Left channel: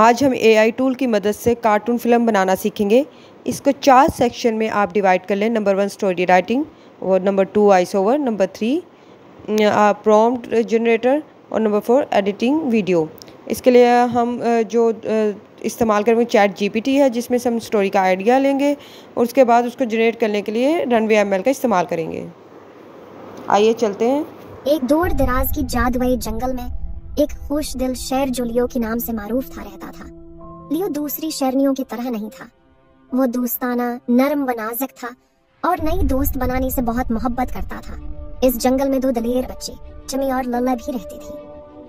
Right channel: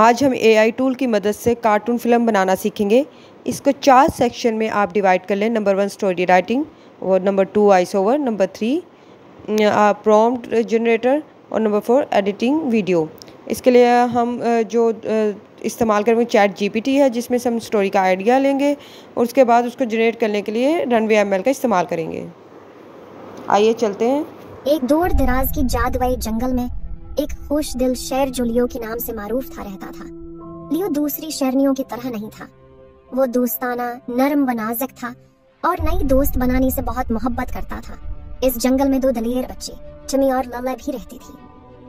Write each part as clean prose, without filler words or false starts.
आज हम AI tool की मदद से कार्टून फिल्म बनाना सीखेंगे। इसको 4 सेक्शन में आप डिवाइड कर लें। नंबर 1 स्टोरी राइटिंग, और number 2 voice over, number 3 prompt generator, और नंबर 4 एडिटिंग वीडियो। इसके लिए हम जो इस्तेमाल करेंगे चैट जीपीटी है, जिसमें से हम स्टोरी का आइडिया लेंगे और उसके बाद उसको जनरेट करने के लिए रनवे एमएल का इस्तेमाल करेंगे। आइए चलते हैं। एक दूर दराज की जादुई जंगल में एक खुश दिल शेर जो लियो के नाम से मारूफ था रहता था। लियो दूसरी शेरनियों की तरह नहीं था। वो दोस्ताना, नर्म व नाजुक था और नई दोस्त बनाने से बहुत मोहब्बत करता था। इस जंगल में 2 दलेर बच्चे चमी और लल्ला भी रहती थी।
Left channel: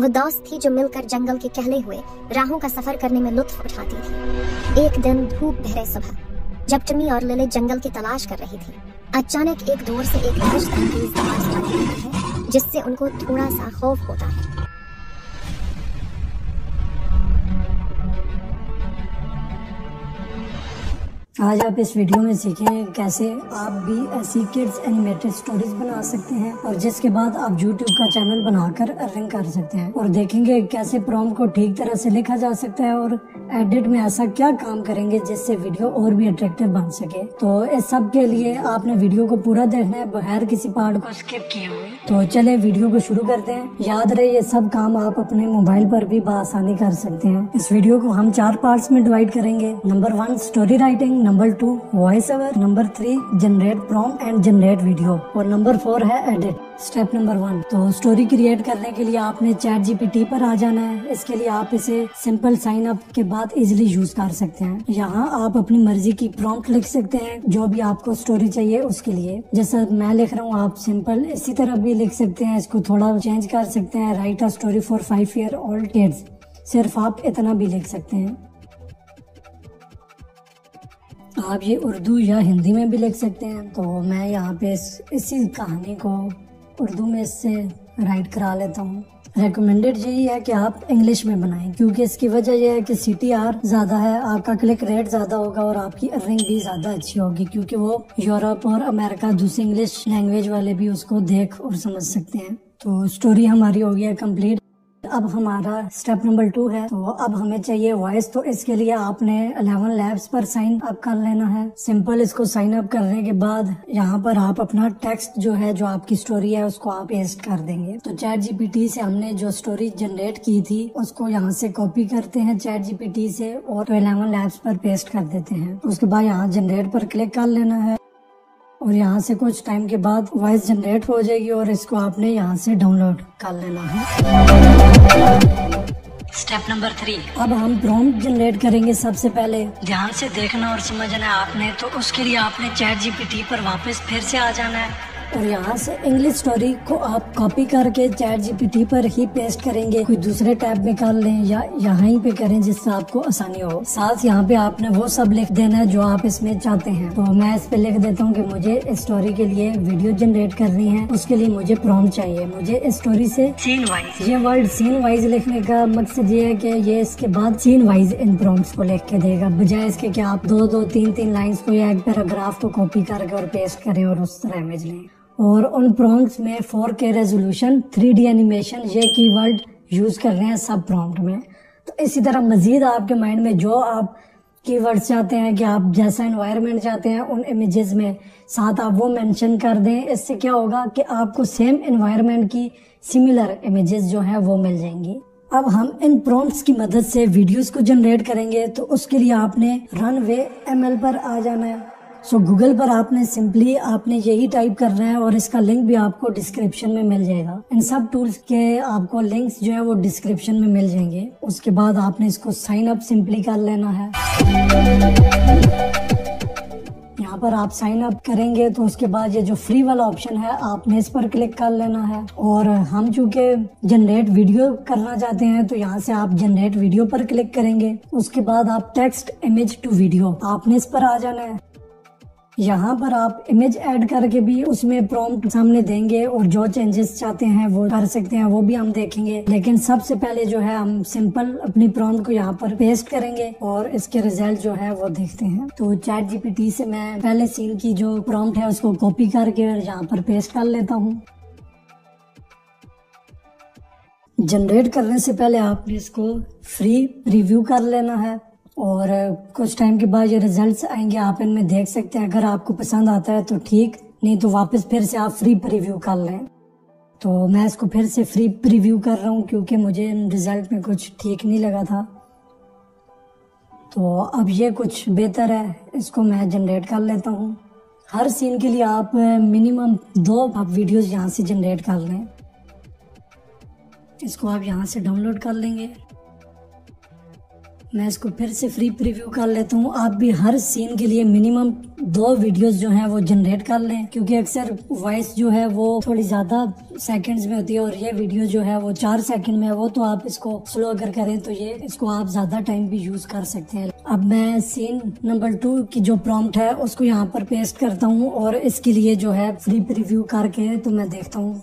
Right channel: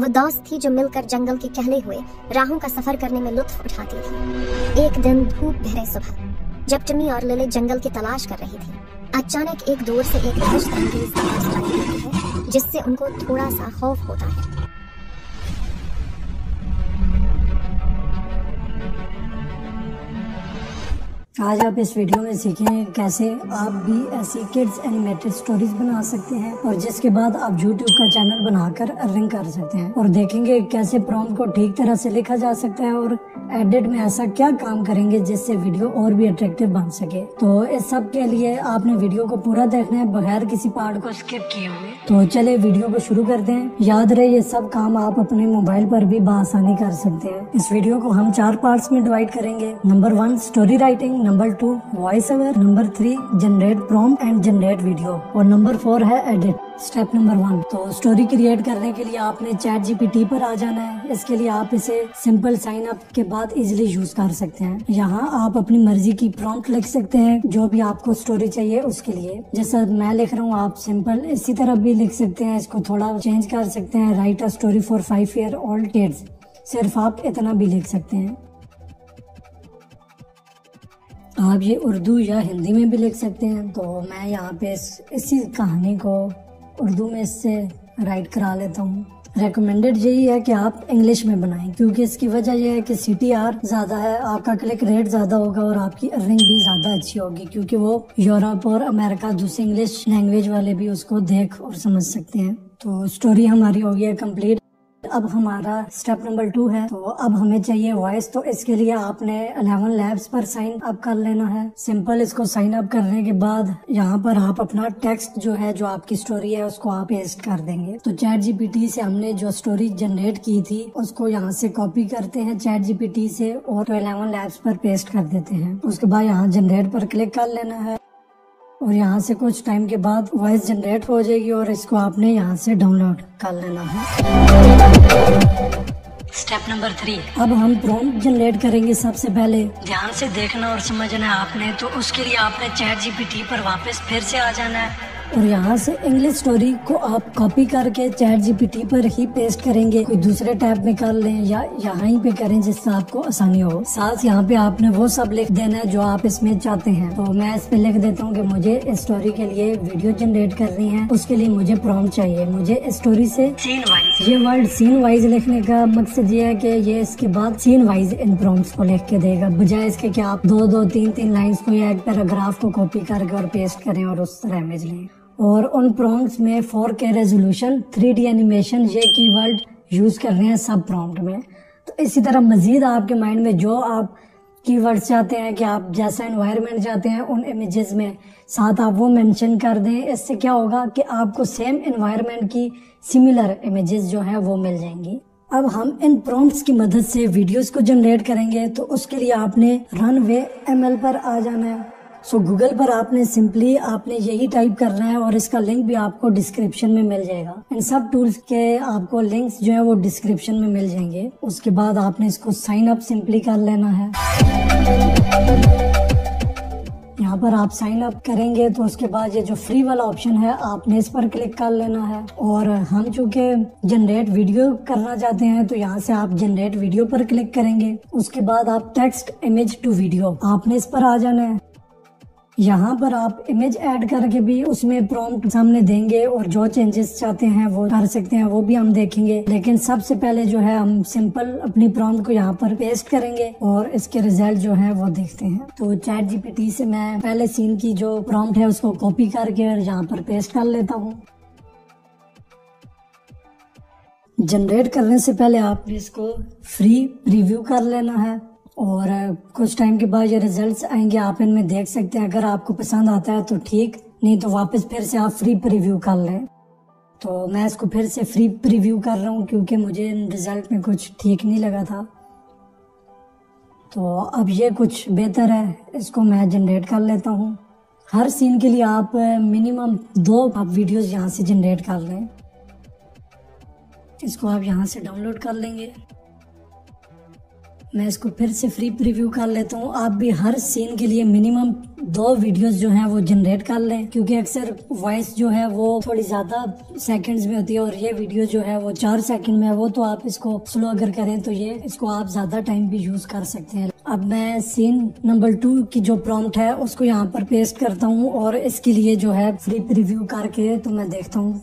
वो दोस्त थी जो मिलकर जंगल के कहले हुए राहों का सफर करने में लुत्फ उठाती थी। एक दिन धूप गहरे सुबह जब चमी और लले जंगल की तलाश कर रही थी, अचानक एक दूर से एक दहशतअंगेज आवाज आती है जिससे उनको थोड़ा सा खौफ होता है। आज आप इस वीडियो में सीखेंगे कैसे आप भी ऐसी किड्स एनिमेटेड स्टोरीज बना सकते हैं और जिसके बाद आप YouTube का चैनल बनाकर अर्निंग कर सकते हैं, और देखेंगे कैसे प्रॉम्प्ट को ठीक तरह से लिखा जा सकता है और एडिट में ऐसा क्या काम करेंगे जिससे वीडियो और भी अट्रैक्टिव बन सके। तो इस सब के लिए आपने वीडियो को पूरा देखना है बगैर किसी पार्ट को स्किप किए हुए। तो चले वीडियो को शुरू करते हैं। याद रहे ये सब काम आप अपने मोबाइल पर भी बआसानी कर सकते हैं। इस वीडियो को हम 4 पार्ट्स में डिवाइड करेंगे। Number 1 story writing, number 2 voice over, number 3 generate prompt and generate video, और नंबर 4 है एडिट। स्टेप नंबर 1, तो स्टोरी क्रिएट करने के लिए आपने चैट जीपीटी पर आ जाना है। इसके लिए आप इसे सिंपल साइन अप के बाद इजीली यूज कर सकते हैं। यहाँ आप अपनी मर्जी की प्रॉम्प्ट लिख सकते हैं जो भी आपको स्टोरी चाहिए उसके लिए। जैसा मैं लिख रहा हूँ आप सिंपल इसी तरह भी लिख सकते हैं, इसको थोड़ा चेंज कर सकते हैं। Right a story for 5-year-old kids, सिर्फ आप इतना भी लिख सकते हैं। आप ये उर्दू या हिंदी में भी लिख सकते हैं। तो मैं यहाँ पे इसी कहानी को उर्दू में इससे राइट करा लेता हूँ। रेकमेंडेड यही है कि आप इंग्लिश में बनाएं, क्योंकि इसकी वजह यह है कि CTR ज्यादा है, आपका क्लिक रेट ज्यादा होगा और आपकी अर्निंग भी ज्यादा अच्छी होगी, क्योंकि वो यूरोप और अमेरिका दूसरी इंग्लिश लैंग्वेज वाले भी उसको देख और समझ सकते हैं। तो स्टोरी हमारी हो गई है कम्प्लीट। अब हमारा स्टेप नंबर 2 है। तो अब हमें चाहिए वॉइस। तो इसके लिए आपने 11 लैब्स पर साइन अप कर लेना है। सिंपल इसको साइन अप करने के बाद यहाँ पर आप अपना टेक्स्ट जो है, जो आपकी स्टोरी है, उसको आप पेस्ट कर देंगे। तो चैट जीपीटी से हमने जो स्टोरी जनरेट की थी उसको यहाँ से कॉपी करते हैं चैट जीपीटी से और 11 लैब्स पर पेस्ट कर देते हैं। उसके बाद यहाँ जनरेट पर क्लिक कर लेना है और यहाँ से कुछ टाइम के बाद वॉइस जनरेट हो जाएगी और इसको आपने यहाँ से डाउनलोड कर लेना है। स्टेप नंबर 3, अब हम प्रॉम्प्ट जनरेट करेंगे। सबसे पहले ध्यान से देखना और समझना है आपने। तो उसके लिए आपने चैट जीपीटी पर वापस फिर से आ जाना है और यहाँ से इंग्लिश स्टोरी को आप कॉपी करके चैट जीपीटी पर ही पेस्ट करेंगे। कोई दूसरे टैब में कर लें या यहाँ ही पे करें जिससे आपको आसानी हो। साथ यहाँ पे आपने वो सब लिख देना है जो आप इसमें चाहते हैं। तो मैं इस पे लिख देता हूँ कि मुझे इस स्टोरी के लिए वीडियो जनरेट करनी है, उसके लिए मुझे प्रॉम्प्ट चाहिए। मुझे इस स्टोरी से सीन वाइज, ये वर्ड सीन वाइज लिखने का मकसद ये है कि ये इसके बाद सीन वाइज इन प्रॉम्प्ट्स को लिख के देगा, बजाय इसके कि आप 2-2, 3-3 लाइन्स को या एक पैराग्राफ को कॉपी करके और पेस्ट करें और उस तरह इमेज लें। और उन प्रॉम्प्ट्स में 4K रेजोल्यूशन, 3D एनिमेशन, ये कीवर्ड यूज कर रहे हैं सब प्रॉम्प्ट में। तो इसी तरह मजीद आपके माइंड में जो आप कीवर्ड्स चाहते हैं कि आप जैसा एनवायरनमेंट चाहते हैं उन इमेजेस में साथ आप वो मेंशन कर दें। इससे क्या होगा कि आपको सेम एनवायरनमेंट की सिमिलर इमेजेस जो है वो मिल जाएंगी। अब हम इन प्रॉम्प्ट्स की मदद से वीडियोस को जनरेट करेंगे। तो उसके लिए आपने रनवे ML पर आ जाना है। सो गूगल पर आपने सिंपली आपने यही टाइप करना है और इसका लिंक भी आपको डिस्क्रिप्शन में मिल जाएगा। इन सब टूल्स के आपको लिंक्स जो है वो डिस्क्रिप्शन में मिल जाएंगे। उसके बाद आपने इसको साइन अप सिंपली कर लेना है। यहाँ पर आप साइन अप करेंगे तो उसके बाद ये जो फ्री वाला ऑप्शन है आपने इस पर क्लिक कर लेना है। और हम चूंकि जनरेट वीडियो करना चाहते हैं तो यहाँ से आप जनरेट वीडियो पर क्लिक करेंगे। उसके बाद आप टेक्स्ट इमेज टू वीडियो आपने इस पर आ जाना है। यहाँ पर आप इमेज ऐड करके भी उसमें प्रॉम्प्ट सामने देंगे और जो चेंजेस चाहते हैं वो कर सकते हैं, वो भी हम देखेंगे। लेकिन सबसे पहले जो है हम सिंपल अपनी प्रॉम्प्ट को यहाँ पर पेस्ट करेंगे और इसके रिजल्ट जो है वो देखते हैं। तो चैट जीपीटी से मैं पहले सीन की जो प्रॉम्प्ट है उसको कॉपी करके और यहाँ पर पेस्ट कर लेता हूँ। जनरेट करने से पहले आपने इसको फ्री प्रीव्यू कर लेना है और कुछ टाइम के बाद ये रिजल्ट्स आएंगे, आप इनमें देख सकते हैं। अगर आपको पसंद आता है तो ठीक, नहीं तो वापस फिर से आप फ्री प्रीव्यू कर लें। तो मैं इसको फिर से फ्री प्रीव्यू कर रहा हूँ क्योंकि मुझे रिजल्ट में कुछ ठीक नहीं लगा था। तो अब ये कुछ बेहतर है, इसको मैं जनरेट कर लेता हूँ। हर सीन के लिए आप मिनिमम 2 आप वीडियोस यहाँ से जनरेट कर लें। इसको आप यहाँ से डाउनलोड कर लेंगे। मैं इसको फिर से फ्री प्रीव्यू कर लेता हूँ। आप भी हर सीन के लिए मिनिमम 2 वीडियोस जो हैं वो जनरेट कर लें क्योंकि अक्सर वॉइस जो है वो थोड़ी ज्यादा सेकंड्स में होती है और ये वीडियो जो है वो 4 सेकंड में है। वो तो आप इसको स्लो अगर करें तो ये इसको आप ज्यादा टाइम भी यूज कर सकते हैं। अब मैं सीन नंबर 2 की जो प्रॉम्प्ट है उसको यहाँ पर पेस्ट करता हूँ और इसके लिए जो है फ्री प्रीव्यू करके तो मैं देखता हूँ।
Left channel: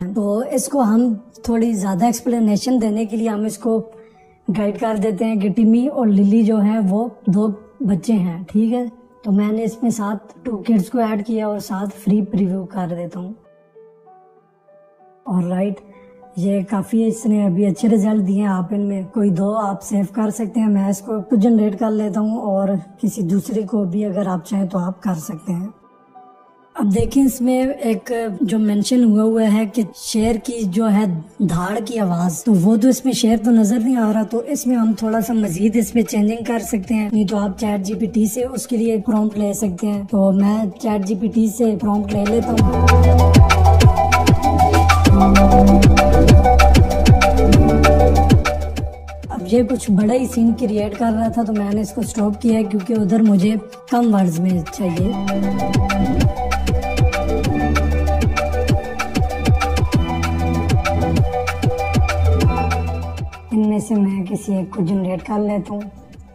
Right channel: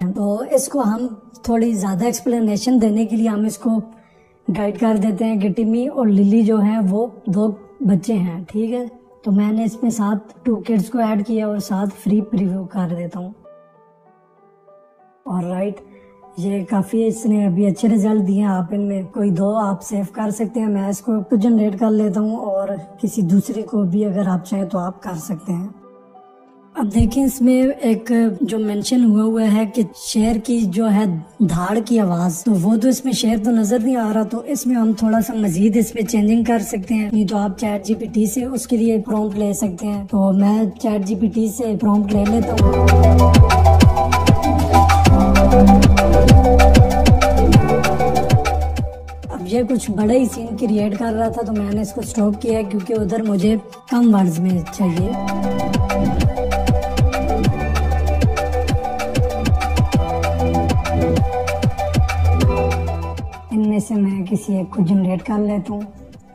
तो इसको हम थोड़ी ज्यादा एक्सप्लेनेशन देने के लिए हम इसको गाइड कर देते हैं कि टिमी और लिली जो है वो 2 बच्चे हैं, ठीक है। तो मैंने इसमें साथ 2 किड्स को ऐड किया और साथ फ्री प्रीव्यू कर देता हूँ। और राइट, ये काफी इसने अभी अच्छे रिजल्ट दिए हैं। आप इनमें कोई 2 आप सेव कर सकते हैं। मैं इसको तो जनरेट कर लेता हूँ और किसी दूसरे को भी अगर आप चाहें तो आप कर सकते हैं। अब देखिए इसमें एक जो मेंशन हुआ है कि शेर की जो है धाड़ की आवाज, तो वो तो इसमें शेर तो नजर नहीं आ रहा। तो इसमें हम थोड़ा सा मजीद इसमें चेंजिंग कर सकते हैं। नहीं तो आप चैट जीपीटी से उसके लिए प्रॉम्प्ट ले सकते हैं। तो मैं चैट जीपीटी से प्रॉम्प्ट ले लेता हूँ। अब ये कुछ बड़ा ही सीन क्रिएट कर रहा था तो मैंने इसको स्टॉप किया क्योंकि उधर मुझे कम वर्ड्स में चाहिए। इनमें से मैं किसी एक को जनरेट कर लेता हूँ।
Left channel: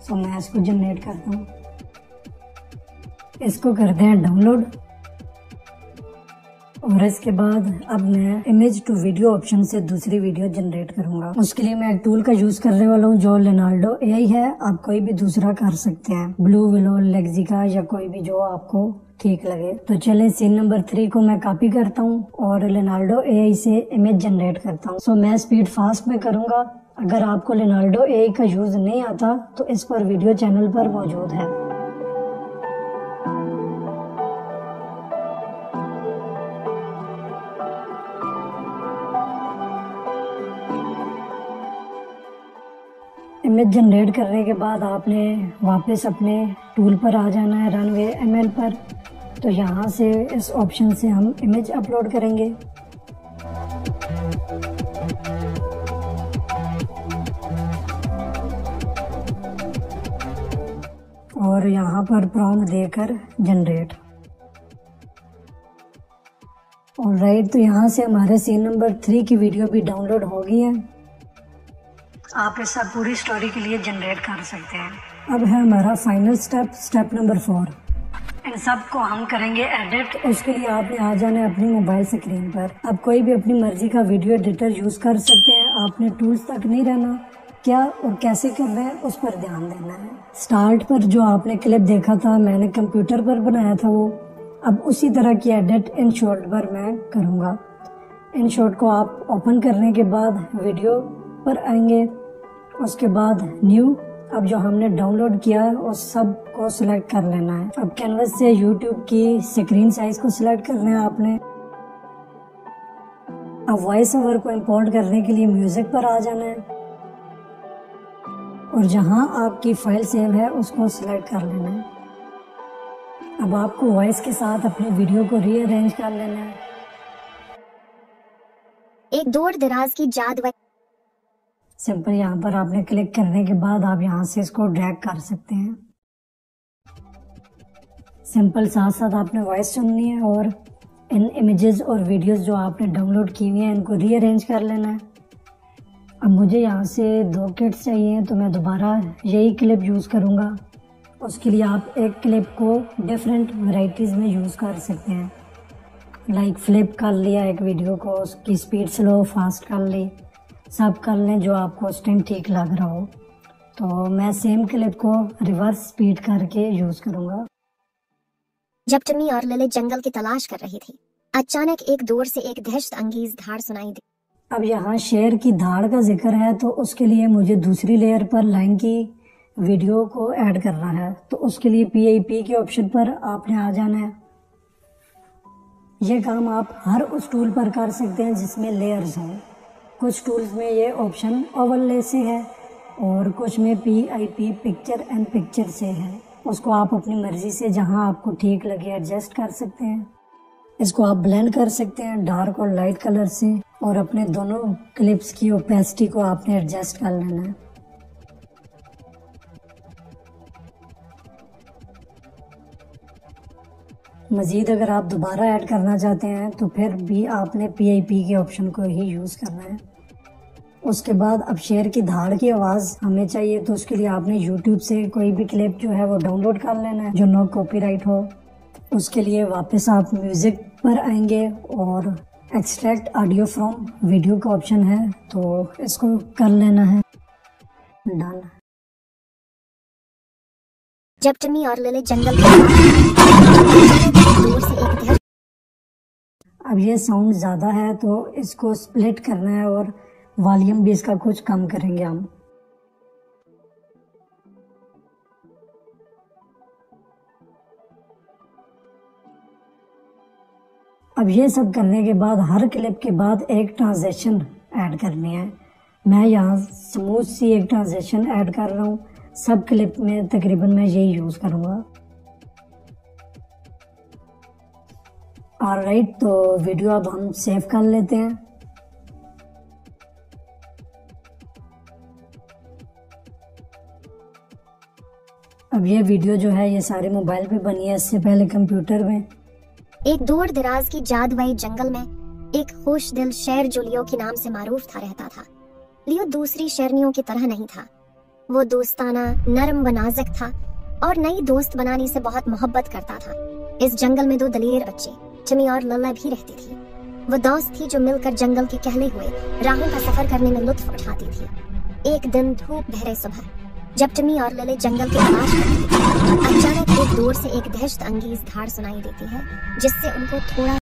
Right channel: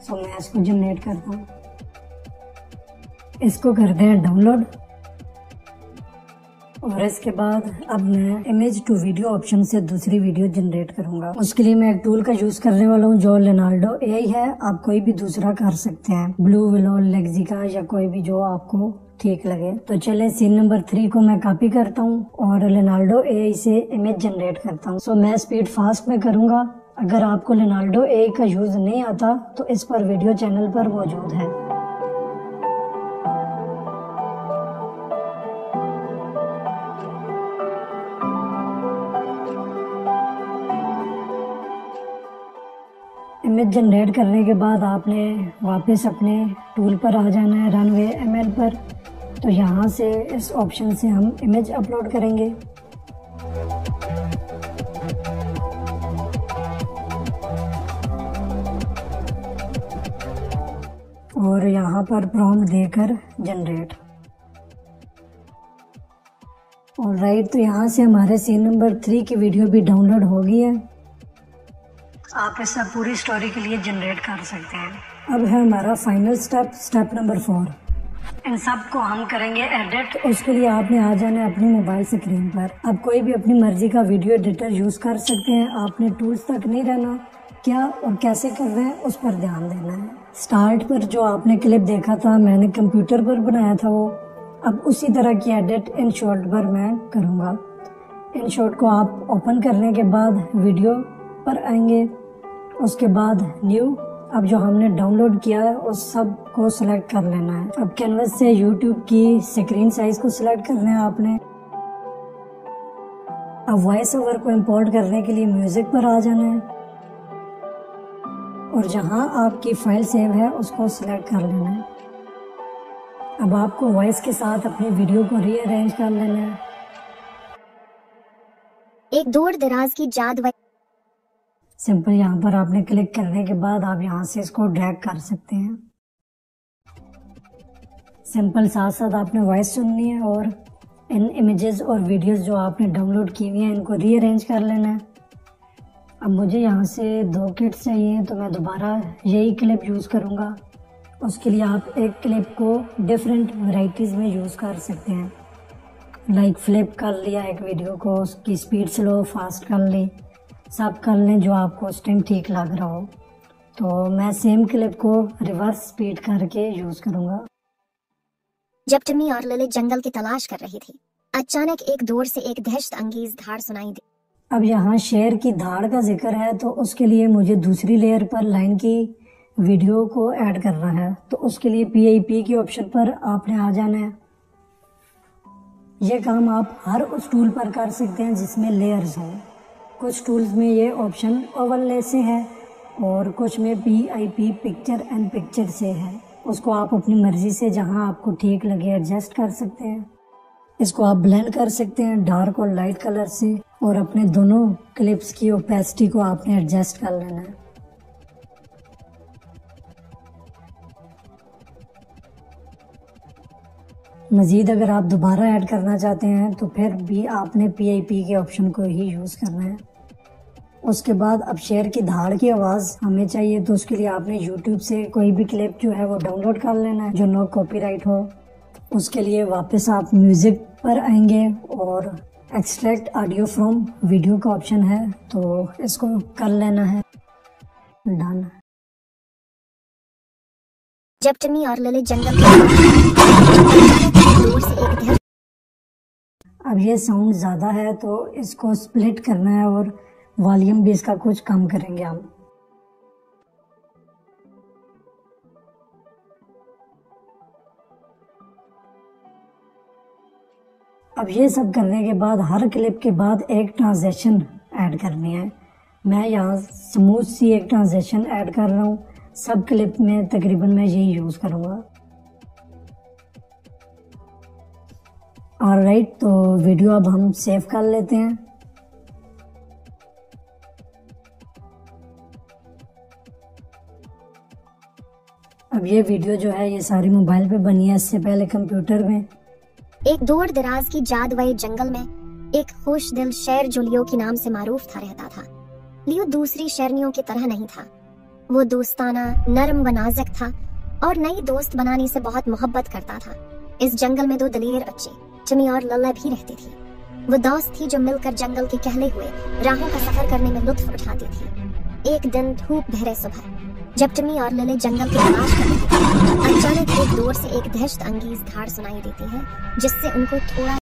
सो मैं इसको जनरेट करता हूँ। इसको करते हैं डाउनलोड और इसके बाद अब मैं इमेज टू वीडियो ऑप्शन से दूसरी वीडियो जनरेट करूंगा। उसके लिए मैं एक टूल का यूज करने वाला हूँ जो लेनार्डो एआई है। आप कोई भी दूसरा कर सकते हैं, ब्लू विलो, लेक्सिका या कोई भी जो आपको ठीक लगे। तो चलें सीन नंबर 3 को मैं कॉपी करता हूँ और लेनार्डो एआई से इमेज जनरेट करता हूँ। सो मैं स्पीड फास्ट में करूंगा। अगर आपको लेनार्डो एआई का यूज नहीं आता तो इस पर वीडियो चैनल पर मौजूद है। इमेज जनरेट करने के बाद आपने वापस अपने टूल पर आ जाना है, रनवे एमएल पर। तो यहाँ से इस ऑप्शन से हम इमेज अपलोड करेंगे। और यहाँ पर प्रॉम्प्ट देकर जनरेट। ऑलराइट, तो यहाँ से हमारे सीन नंबर 3 की वीडियो भी डाउनलोड हो गई है। आप ऐसा पूरी स्टोरी के लिए जनरेट कर सकते हैं। अब है हमारा फाइनल स्टेप नंबर 4। इन सब को हम करेंगे एडिट। उसके लिए आपने आ जाना है अपनी मोबाइल स्क्रीन पर। अब कोई भी अपनी मर्जी का वीडियो एडिटर यूज कर सकते हैं। आपने टूल्स तक नहीं रहना, क्या और कैसे कर रहे हैं उस पर ध्यान देना है। स्टार्ट पर जो आपने क्लिप देखा था मैंने कंप्यूटर पर बनाया था वो, अब उसी तरह की एडिट इन शॉर्ट पर मैं करूँगा। इन शॉर्ट को आप ओपन करने के बाद वीडियो पर आएंगे, उसके बाद न्यू। अब जो हमने डाउनलोड किया है उस सब को सिलेक्ट कर लेना है। अब कैनवस से यूट्यूब की स्क्रीन साइज को सिलेक्ट करना है आपने। अब वॉइस ओवर को इंपोर्ट करने के लिए म्यूजिक पर आ जाना है और जहां आपकी फाइल सेव है उसको सिलेक्ट कर लेना है। अब आपको वॉइस के साथ अपनी वीडियो को रीअरेंज कर लेना है। एक दूर दराज की जादू सिंपल यहाँ पर आपने क्लिक करने के बाद आप यहाँ से इसको ड्रैग कर सकते हैं। सिंपल साथ साथ आपने वॉइस सुननी है और इन इमेजेस और वीडियोस जो आपने डाउनलोड की हुई हैं इनको रीअरेंज कर लेना है। अब मुझे यहाँ से 2 किट्स चाहिए तो मैं दोबारा यही क्लिप यूज़ करूँगा। उसके लिए आप एक क्लिप को डिफरेंट वैरायटीज़ में यूज़ कर सकते हैं। लाइक फ्लिप कर लिया एक वीडियो को, उसकी स्पीड स्लो फास्ट कर ली, सब कर लें जो आपको उस टाइम ठीक लग रहा हो। तो मैं सेम क्लिप को रिवर्स स्पीड करके यूज़ करूँगा। जब टिमी और लिली जंगल की तलाश कर रही थी अचानक एक दूर से एक दहशत अंगेज धाड़ सुनाई दी। अब यहाँ शेर की धाड़ का जिक्र है, तो उसके लिए मुझे दूसरी लेयर पर लाइन की वीडियो को ऐड करना है। तो उसके लिए PIP के ऑप्शन पर आपने आ जाना है। ये काम आप हर उस टूल पर कर सकते हैं जिसमें लेयर्स हों। कुछ टूल्स में ये ऑप्शन ओवरले से है और कुछ में PIP पिक्चर एंड पिक्चर से है। उसको आप अपनी मर्जी से जहां आपको ठीक लगे एडजस्ट कर सकते हैं। इसको आप ब्लेंड कर सकते हैं डार्क और लाइट कलर से, और अपने दोनों क्लिप्स की ओपेसिटी को आपने एडजस्ट कर लेना है। मजीद अगर आप दोबारा ऐड करना चाहते हैं तो फिर भी आपने PIP के ऑप्शन को ही यूज करना है। उसके बाद अब शेर की धाड़ की आवाज हमें चाहिए, तो उसके लिए आपने YouTube से कोई भी क्लिप जो है वो डाउनलोड कर लेना है जो नो कॉपीराइट हो। उसके लिए वापस आप म्यूजिक पर आएंगे और एक्सट्रैक्ट ऑडियो फ्रॉम वीडियो का ऑप्शन है, तो इसको कर लेना है डन। जब टिमी और लिली जंगल अब ये साउंड ज्यादा है तो इसको स्प्लिट करना है और वॉल्यूम भी इसका कुछ कम करेंगे हम। अब ये सब करने के बाद हर क्लिप के बाद एक ट्रांजिशन ऐड करनी है। मैं यहाँ स्मूथ सी एक ट्रांजिशन ऐड कर रहा हूँ। सब क्लिप में तकरीबन मैं यही यूज करूँगा। ऑलराइट, तो वीडियो अब हम सेव कर लेते हैं। अब ये वीडियो जो है ये सारी मोबाइल पे बनी है, इससे पहले कंप्यूटर में। एक दूर दराज की जादुई जंगल में एक खुश दिल शेर जो लियो के नाम से मारूफ था रहता था। लियो दूसरी शेरनियों की तरह नहीं था। वो दोस्ताना, नरम व नाजुक था और नई दोस्त बनाने से बहुत मोहब्बत करता था। इस जंगल में 2 दलेर बच्चे टिमी और लल्ला भी रहती थी। वो दोस्त थी जो मिलकर जंगल के कहले हुए राहों का सफर करने में लुत्फ उठाती थी। एक दिन धूप भरे सुबह जब टिमी और लिली जंगल की तलाश कर रही थी, अचानक एक दूर से एक दहशत अंगेज धाड़ सुनाई देती है जिससे उनको थोड़ा